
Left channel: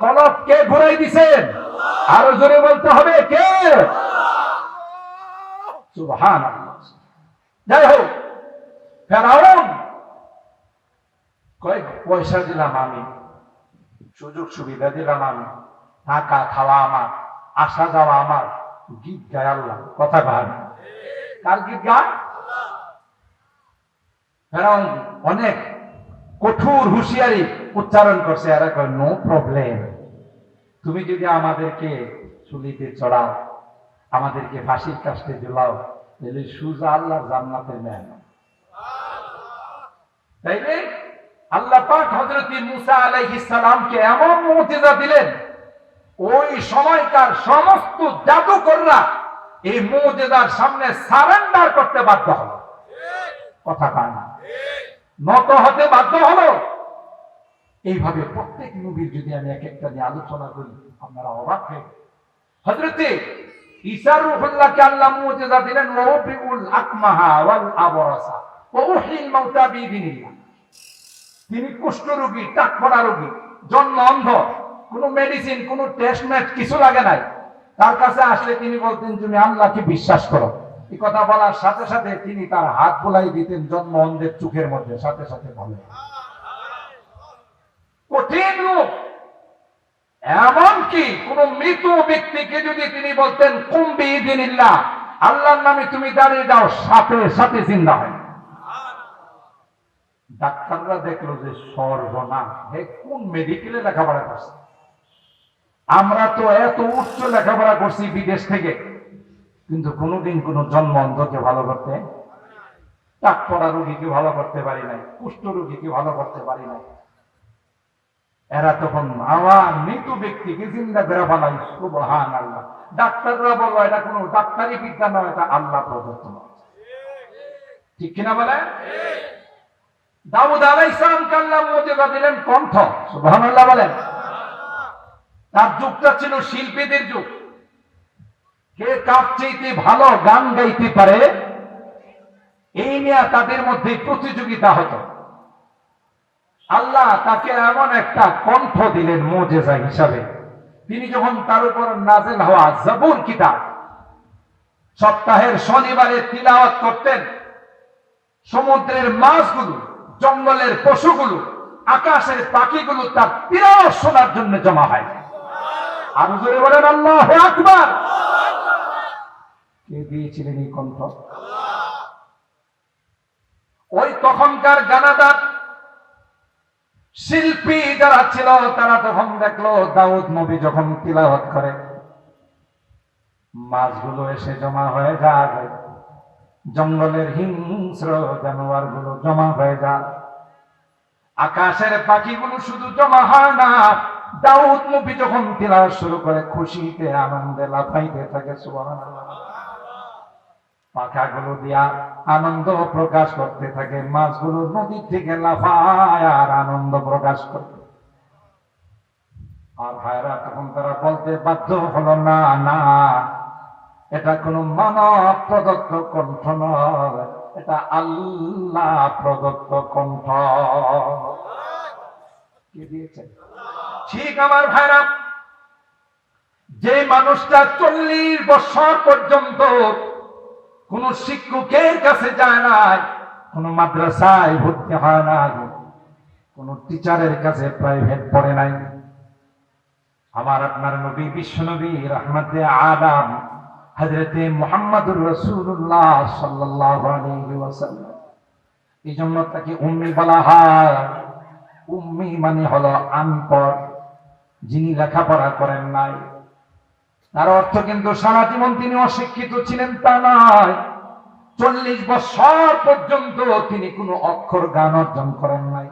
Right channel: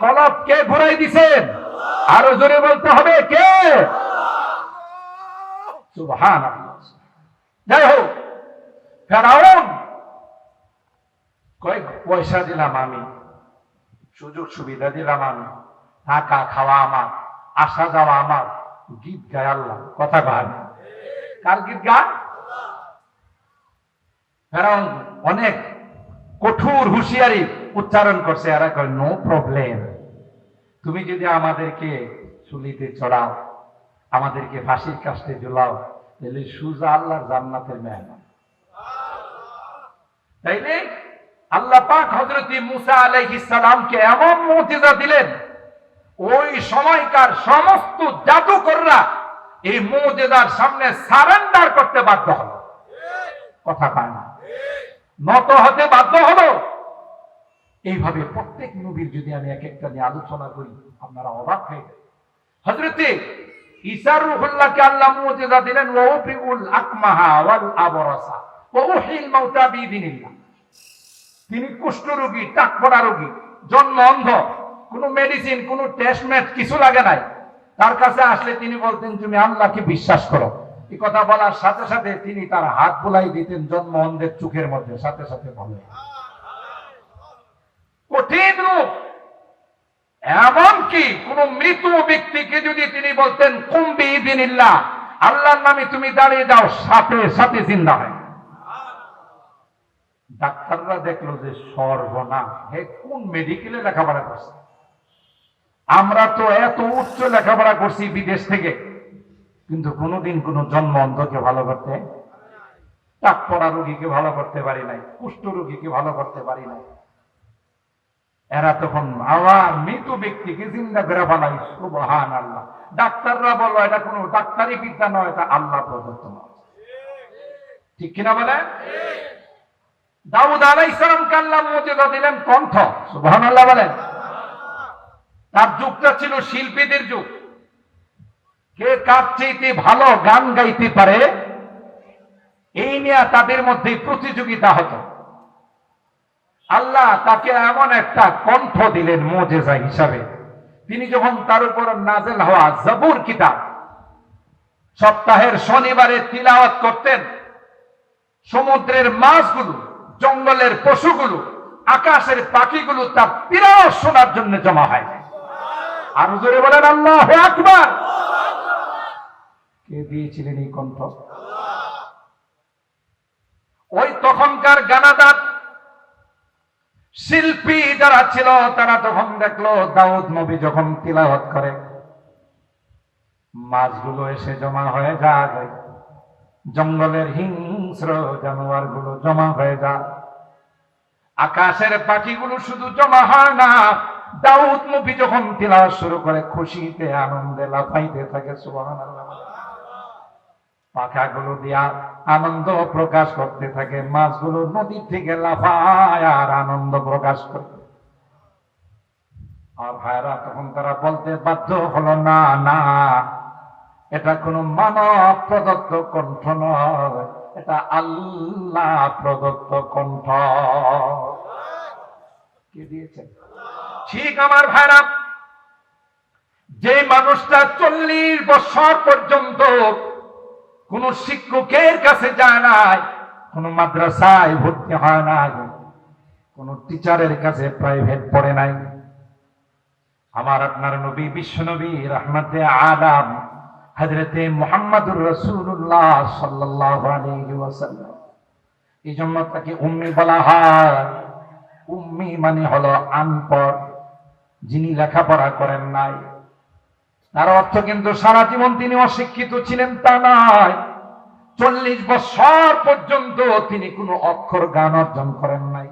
কলব কে ঘুরাই দিছেন? আরো জোরে বলতে হবে, কে? সুবহানাল্লাহ। যাই হোক, ফেরাউন কয়েক পয়সা দিলাম আমি, সুযোগ সুবিধা দিলাম আমি, থাকা খাওয়া আমার, আসা যাওয়া আমার, গীত গায় আল্লাহ, কথা গায়। কার গীত গায়? ফেরাউন অনেক কঠোর হুঁশিয়ারি উচ্চারণ করছে, এরা কয় নো প্রবলেম, তুমি যদি আমাদেরকে চুলিতে চড়াও, আমাদেরকে ফাঁসির কাস্টে ঝুলাও, তাহলে সুজা আল্লাহর জান্নাতের মেহমান। তাইলে আল্লাহ পাক হযরত মূসা আলাইহিস সালামকে এমন মুজিজা দিলেন, ওই সময়কার সমস্ত জাদুকররা এই মুজিজার সামনে সারেন্ডার করতে বাধ্য হলো, কথা পায় না, নত হতে বাধ্য হলো। এইভাবে প্রত্যেক নবীর যদি আমি এক একটা নিয়ে আলোচনা করি, আপনারা অবাক হয়ে যাবেন। হযরতে ঈসা রূহুল্লাহকে আল্লাহ মুজিজা দিলেন, ওয়াউফিউল আকমাহা ওয়াল আবরাসা ওয়া উহিল মাউতা বিইذনিল্লাহ। তিনি কুষ্ঠ রোগী, টাকপড়া রোগী, জন্ম অন্ধ, কোনো মেডিসিন, কোনো টেস্ট ম্যাচ কিছু লাগে নাই। তার কাছে আসলে তিনি বলতেন তুমি আল্লাহকে বিশ্বাস করো। এই কথা বলার সাথে সাথে তিনি তার হাত বুলাই দিতেন জন্ম অন্ধের চোখের মধ্যে, সাথে সাথে বলেন। কঠিন রূপ। এমনকি কোন মৃত ব্যক্তিকে যদি তিনি বলতেন কুম বিইذনিল্লাহ, আল্লাহর নামে তুমি দাঁড়িয়ে যাও, সাথে সাথে জিন্দা হয়। ডাক্তাররা দেখলো যে সর্বনাশ, হে কোন মেডিকেলে লেখাপড়া করছে? আমরা তো এত উচ্চ লেখাপড়া করছি বিদেশ থেকে, কিন্তু কোনোদিন কোন জন্ম অন্ধকে ভালো করতে, টাকপড়া রোগীকে ভালো করতে পারি নাই, কুষ্ঠ রোগীকে ভালো করতে পারি নাই। এরা তখন আবার মৃত ব্যক্তিকে জিন্দা করে বানাই, সুবহানাল্লাহ। ডাক্তাররা বললো এটা কোনো ডাক্তারি বিদ্যা নয়, এটা আল্লাহ প্রদত্ত নয়, ঠিক কিনা বলে? দাউদ আলাইহিস সালামকে আল্লাহ মুজিজা দিলেন কণ্ঠ, সুবহানাল্লাহ বলেন। তার যুগটা ছিল শিল্পীদের যুগ, কে কার চাইতে ভালো গান গাইতে পারে এই নিয়ে তাদের মধ্যে প্রতিযোগিতা হতো। আল্লাহ তাকে এমন একটা কণ্ঠ দিলেন মুজিজা হিসাবে, তিনি যখন তার উপর নাযিল হওয়া জবুর কিতাব, সপ্তাহের শনিবারে তিলাওয়াত করতেন। সমুদ্রের মাছগুলো, জঙ্গলের পশুগুলো, আকাশের পাখিগুলো তার তিলাওয়াত শোনার জন্য জমা হয়। আর জোরে বলেন আল্লাহু আকবার। কে দিয়েছিলেন এই কণ্ঠ? ওই তখনকার গানাদার শিল্পী যারা ছিল তারা তখন দেখলো দাউদ নবী যখন তিলাওয়াত করে মাছগুলো এসে জমা হয়ে যায়, জঙ্গলের হিংস্র জানোয়ার গুলো জমা হয়ে যায়, আকাশের পাখিগুলো শুধু জমা হয় না, দাউদ নবী যখন তিলাওয়াত শুরু করে খুশিতে আনন্দে লাফাইতে থাকে সুবহানাল্লাহ। পাখাগুলো দিয়া আনন্দ প্রকাশ করতে থাকে, মাছগুলো নদী থেকে লাফায় আর আনন্দ প্রকাশ করতে। আর ভাইরা তখন তারা বলতে বাধ্য হলো, না না, এটা কোন মানব প্রদত্ত কণ্ঠ নয়, এটা আল্লাহ প্রদত্ত কণ্ঠ। কে দিয়েছেন? ঠিক আমার ভাইরা, যে মানুষটা 40 বছর পর্যন্ত কোন শিক্ষকের কাছে যায় না, কোন মাদ্রাসায় ভর্তি হয় না, কোন টিচারের কাছে প্রাইভেট পড়ে নাই, আমার আপনার নবী বিশ্ব নবী রাহমাতে আলাম হযরতে মুহাম্মদুর রাসূলুল্লাহ সাল্লাল্লাহু আলাইহি ওয়াসাল্লাম, এই জন্য তাকে উম্মি বলা হয়। উম্মি মানে হলো আনপড়, যিনি লেখাপড়া করেন নাই। তার অর্থ কিন্তু সারা জীবন তিনি অশিক্ষিত ছিলেন তা নয়, 40 বছর পর্যন্ত তিনি কোনো অক্ষর জ্ঞান অর্জন করেন নাই।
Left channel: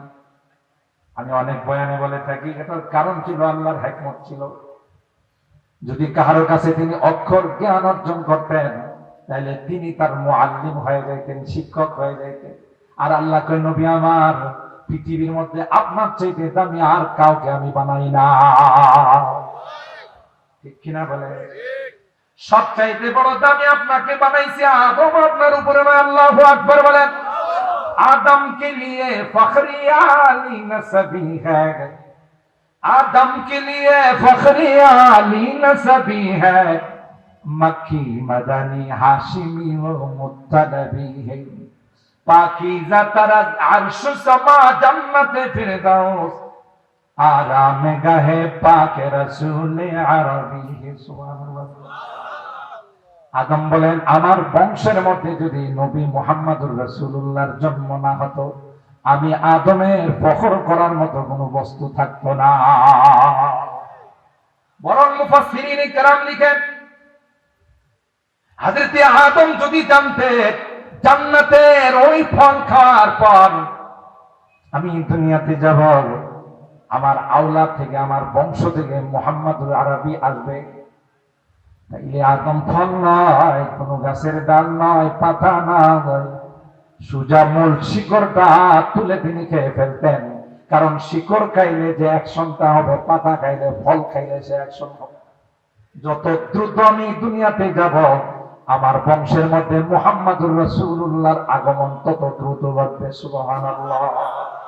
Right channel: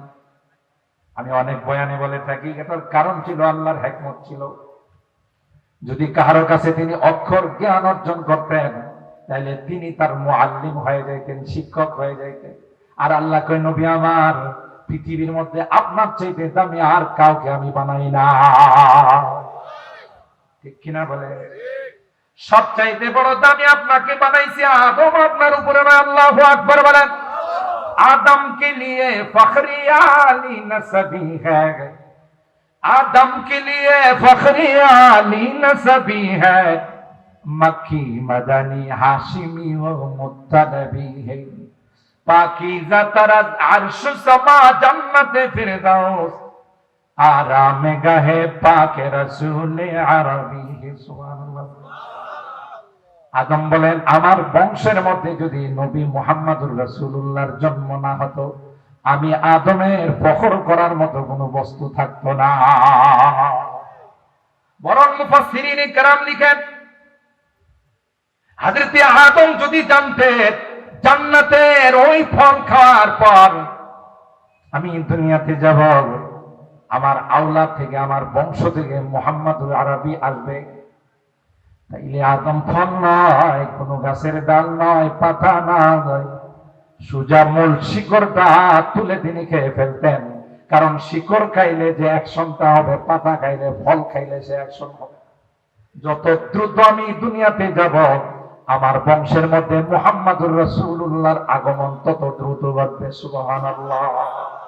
আমি অনেক বয়ানে বলে থাকি, এটার কারণ ছিল আল্লাহর হিকমত ছিল। যদি কারো কাছে তিনি অক্ষর জ্ঞান অর্জন করতেন তাহলে তিনি তার মুআল্লিম হয়ে যাইতেন, শিক্ষক হয়ে যাইতেন। আর আল্লাহ কয়, নবী আমার, পৃথিবীর মধ্যে আপনার চাইতে দামি আর কাউকে আমি বানাই না। ঠিক কিনা বলে? সবচাইতে বড় দামি আপনাকে বানাইছে আদম, আপনার উপরে না। আল্লাহু আকবার বলেন। आदम के लिए फखरी आली नसबी है, आदम के लिए फखरी आली नसबी है, मक्खी मदनी हाशिमी व मुत्तलबी है, पाकीज़ा तरज अर्श समा जन्नत फिरदौस, आराम गहे पाक रसूल अरबी है। सुबहानाल्लाह। আদম বলেন, আমার বংশের মধ্যে যদি নবী মুহাম্মদুর রাসূলুল্লাহর জন্ম না হতো, আমি আদমের ফখর করার মতো কোনো বস্তু থাকতো না। বরং মুফাসসিরিনে কেরাম লিখেন, হযরত আদম যদি জানতেন জান্নাতের ওই ফল খাওয়ার পর আমি দুনিয়াতে যাব, আমার আওলাদ থেকে, আমার বংশ থেকে মুহাম্মদুর আরবি আসবে, তাইলে আদম ফল নয়, কোন গাছের ডাল নয়, পাতা নয়, সুজা মূল শিকড়টা তুলে তিনি খেয়ে ফেলতেন। কারণ শিকড় খাইলে যে অ্যাকশনটা হবে, পাতা খাইলে, ফল খাইলে সে অ্যাকশন হবে। যত দ্রুত আমি দুনিয়াতে যাব, আমার বংশের মধ্যে মুহাম্মদুর রাসূলুল্লাহর আগমন তত দ্রুত ঘটবে। সুবহানাল্লাহ।